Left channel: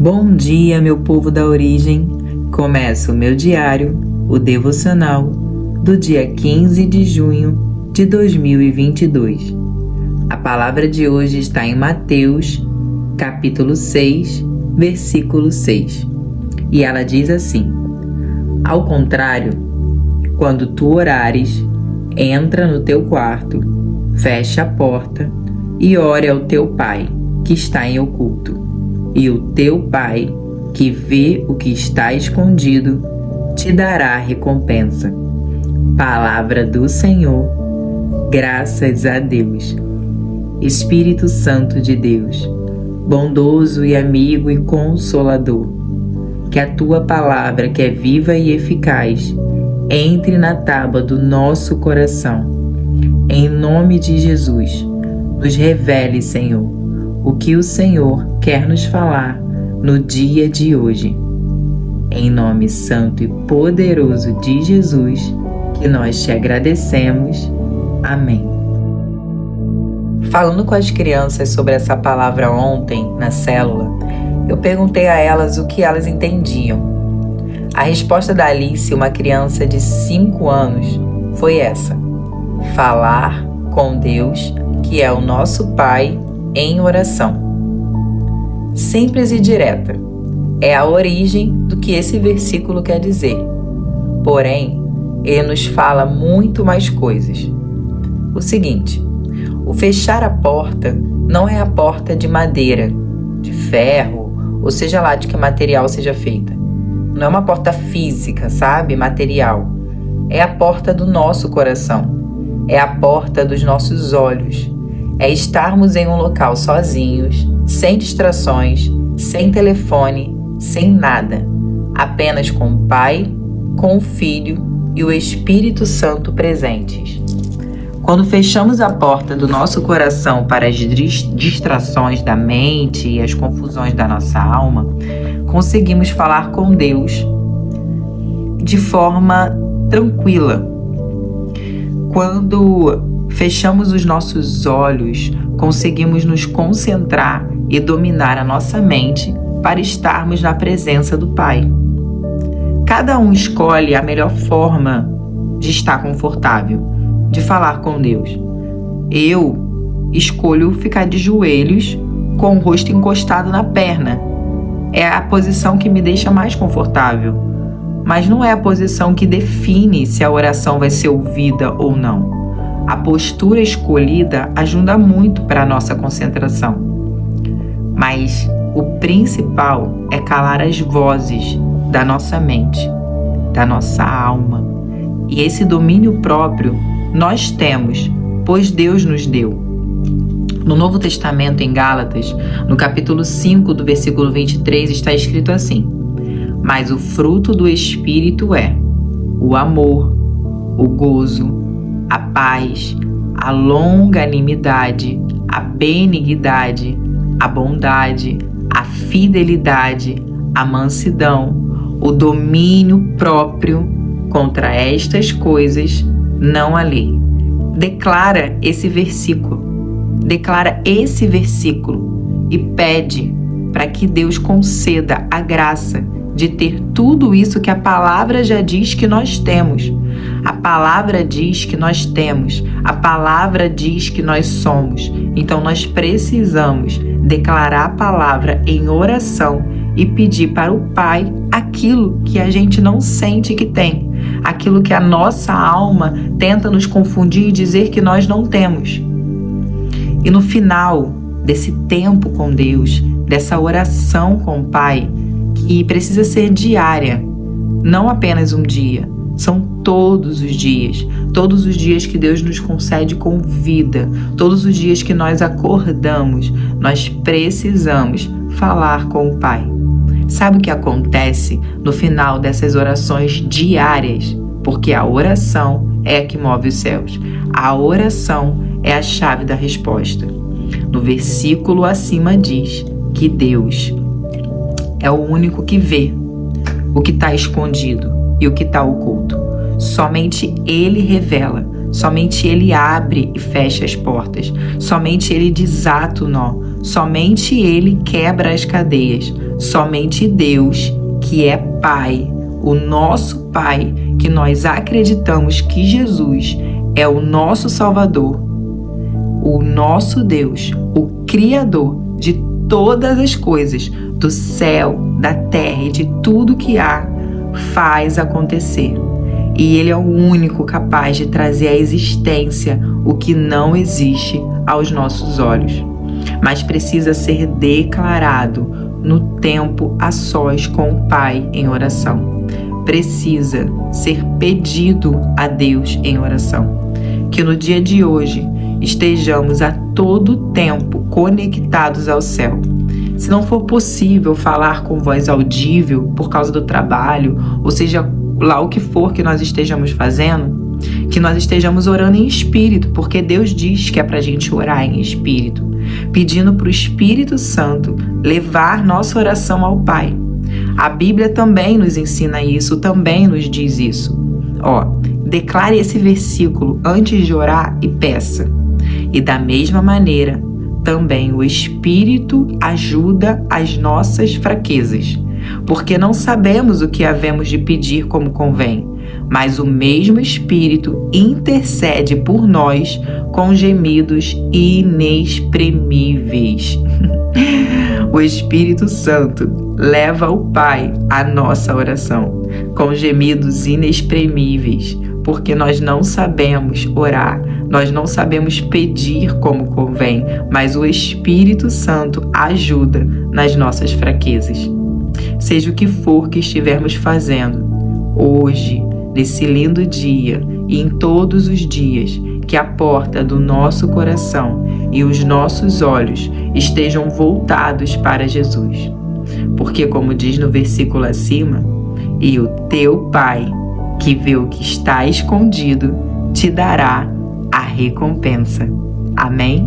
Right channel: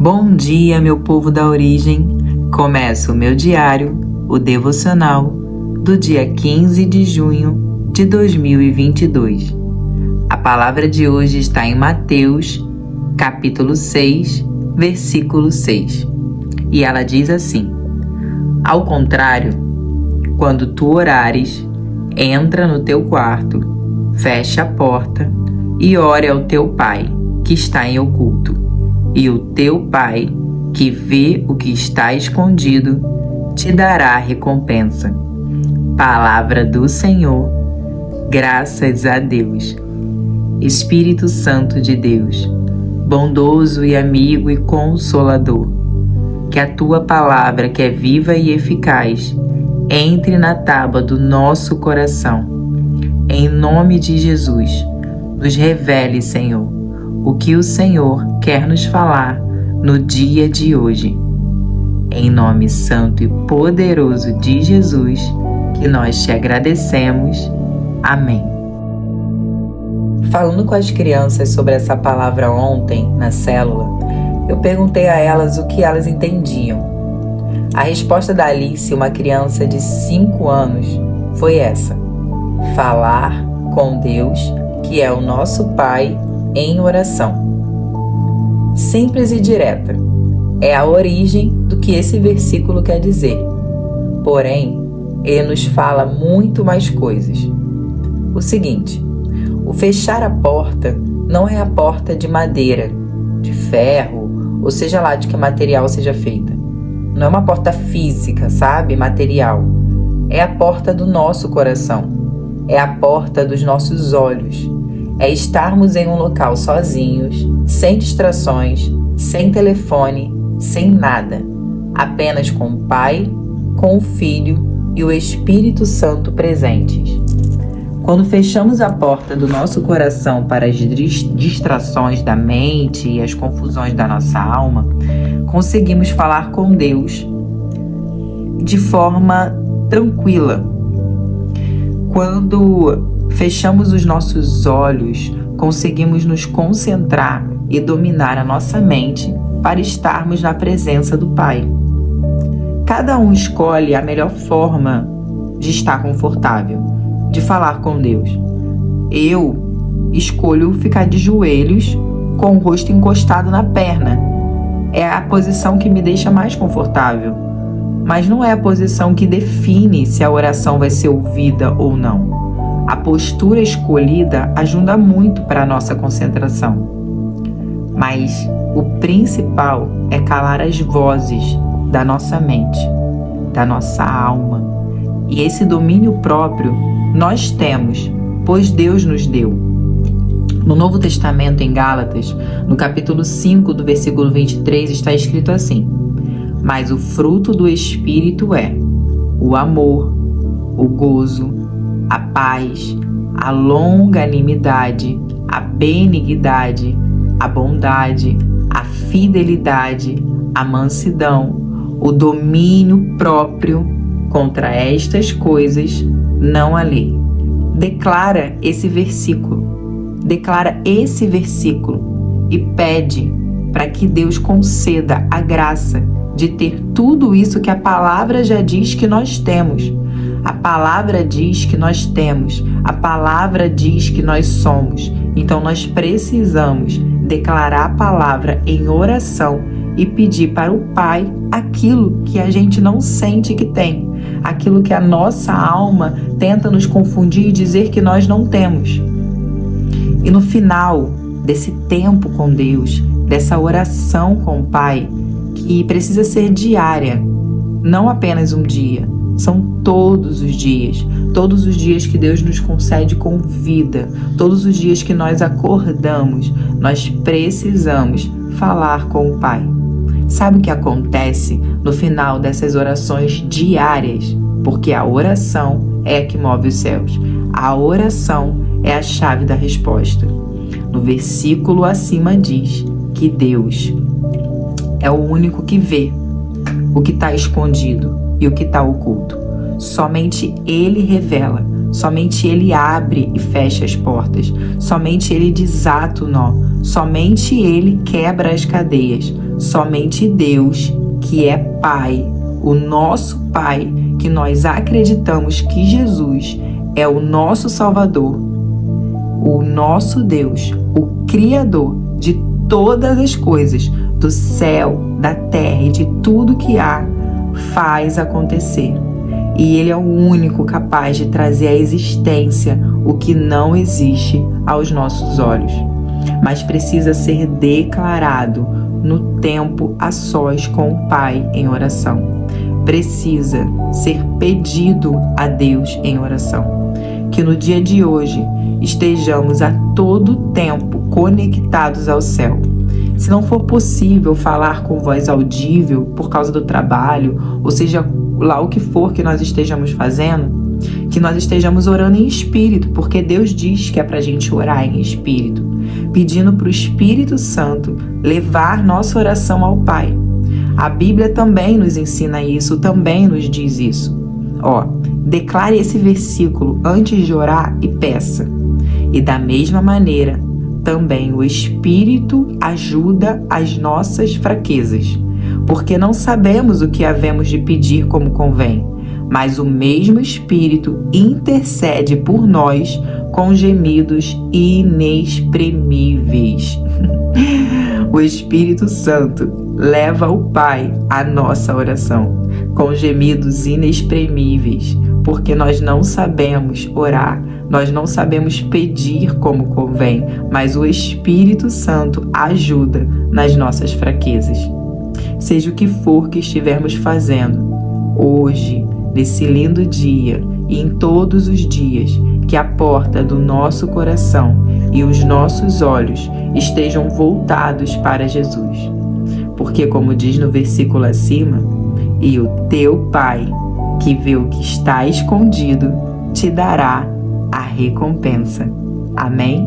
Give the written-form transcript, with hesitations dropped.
Bom dia, meu povo da origem. Começa o meu diário, o devocional, do dia 15 de junho de 2022. A palavra de hoje está em Mateus, capítulo 6, versículo 6. E ela diz assim: Ao contrário, quando tu orares, entra no teu quarto, fecha a porta e ore ao teu Pai, que está em oculto. E o teu Pai, que vê o que está escondido, te dará a recompensa. Palavra do Senhor, graças a Deus. Espírito Santo de Deus, bondoso e amigo e consolador, que a tua palavra, que é viva e eficaz, entre na tábua do nosso coração. Em nome de Jesus, nos revele, Senhor, o que o Senhor quer nos falar no dia de hoje. Em nome santo e poderoso de Jesus, que nós te agradecemos. Amém. Falando com as crianças sobre essa palavra ontem, na célula, eu perguntei a elas o que elas entendiam. A resposta da Alice, uma criança de 5 anos, foi essa: falar com Deus, que é o nosso Pai, em oração. Simples e direta. É a origem do que esse versículo quer dizer. Porém, ele nos fala muito mais coisas. O seguinte: o fechar a porta não é a porta de madeira, de ferro, ou seja lá de que material seja feita. Não é uma porta física, sabe? Material. É a porta do nosso coração. É a porta dos nossos olhos. É estarmos em um local sozinhos, sem distrações, sem telefone, sem nada. Apenas com o Pai, com o Filho e o Espírito Santo presentes. Quando fechamos a porta do nosso coração para as distrações da mente e as confusões da nossa alma, conseguimos falar com Deus de forma tranquila. Quando fechamos os nossos olhos, conseguimos nos concentrar e dominar a nossa mente para estarmos na presença do Pai. Cada um escolhe a melhor forma de estar confortável, de falar com Deus. Eu escolho ficar de joelhos com o rosto encostado na perna. É a posição que me deixa mais confortável, mas não é a posição que define se a oração vai ser ouvida ou não. A postura escolhida ajuda muito para a nossa concentração. Mas o principal é calar as vozes da nossa mente, da nossa alma. E esse domínio próprio nós temos, pois Deus nos deu. No Novo Testamento, em Gálatas, no capítulo 5, do versículo 23, está escrito assim: Mas o fruto do Espírito é o amor, o gozo, a paz, a longanimidade, a benignidade, a bondade, a fidelidade, a mansidão, o domínio próprio. Contra estas coisas não há lei. Declara esse versículo e pede para que Deus conceda a graça de ter tudo isso que a palavra já diz que nós temos. A palavra diz que nós temos, a palavra diz que nós somos. Então nós precisamos declarar a palavra em oração e pedir para o Pai aquilo que a gente não sente que tem, aquilo que a nossa alma tenta nos confundir e dizer que nós não temos. E no final desse tempo com Deus, dessa oração com o Pai, que precisa ser diária, não apenas um dia, são todos os dias que Deus nos concede com vida, todos os dias que nós acordamos, nós precisamos falar com o Pai. Sabe o que acontece no final dessas orações diárias? Porque a oração é a que move os céus. A oração é a chave da resposta. No versículo acima diz que Deus é o único que vê o que está escondido e o que está oculto. Somente Ele revela, somente Ele abre e fecha as portas, somente Ele desata o nó, Somente Ele quebra as cadeias. Somente Deus, que é Pai, o nosso Pai, que nós acreditamos que Jesus é o nosso Salvador, o nosso Deus, o Criador de todas as coisas, do céu, da terra e de tudo que há, faz acontecer. E Ele é o único capaz de trazer à existência o que não existe aos nossos olhos, mas precisa ser declarado no tempo a sós com o Pai em oração. Precisa ser pedido a Deus em oração. Que no dia de hoje estejamos a todo tempo conectados ao céu. Se não for possível falar com voz audível por causa do trabalho, ou seja lá o que for que nós estejamos fazendo, que nós estejamos orando em espírito, porque Deus diz que é pra gente orar em espírito, pedindo para o Espírito Santo levar nossa oração ao Pai. A Bíblia também nos ensina isso, também nos diz isso. Declare esse versículo antes de orar e peça. E da mesma maneira, também o Espírito ajuda as nossas fraquezas, porque não sabemos o que havemos de pedir como convém, mas o mesmo Espírito intercede por nós com gemidos inexprimíveis. O Espírito Santo leva ao Pai a nossa oração, com gemidos inexprimíveis, porque nós não sabemos orar, nós não sabemos pedir como convém, mas o Espírito Santo ajuda nas nossas fraquezas. Seja o que for que estivermos fazendo, hoje, nesse lindo dia e em todos os dias, que a porta do nosso coração e os nossos olhos estejam voltados para Jesus. Porque, como diz no versículo acima, e o teu Pai, que vê o que está escondido, te dará a recompensa. Amém?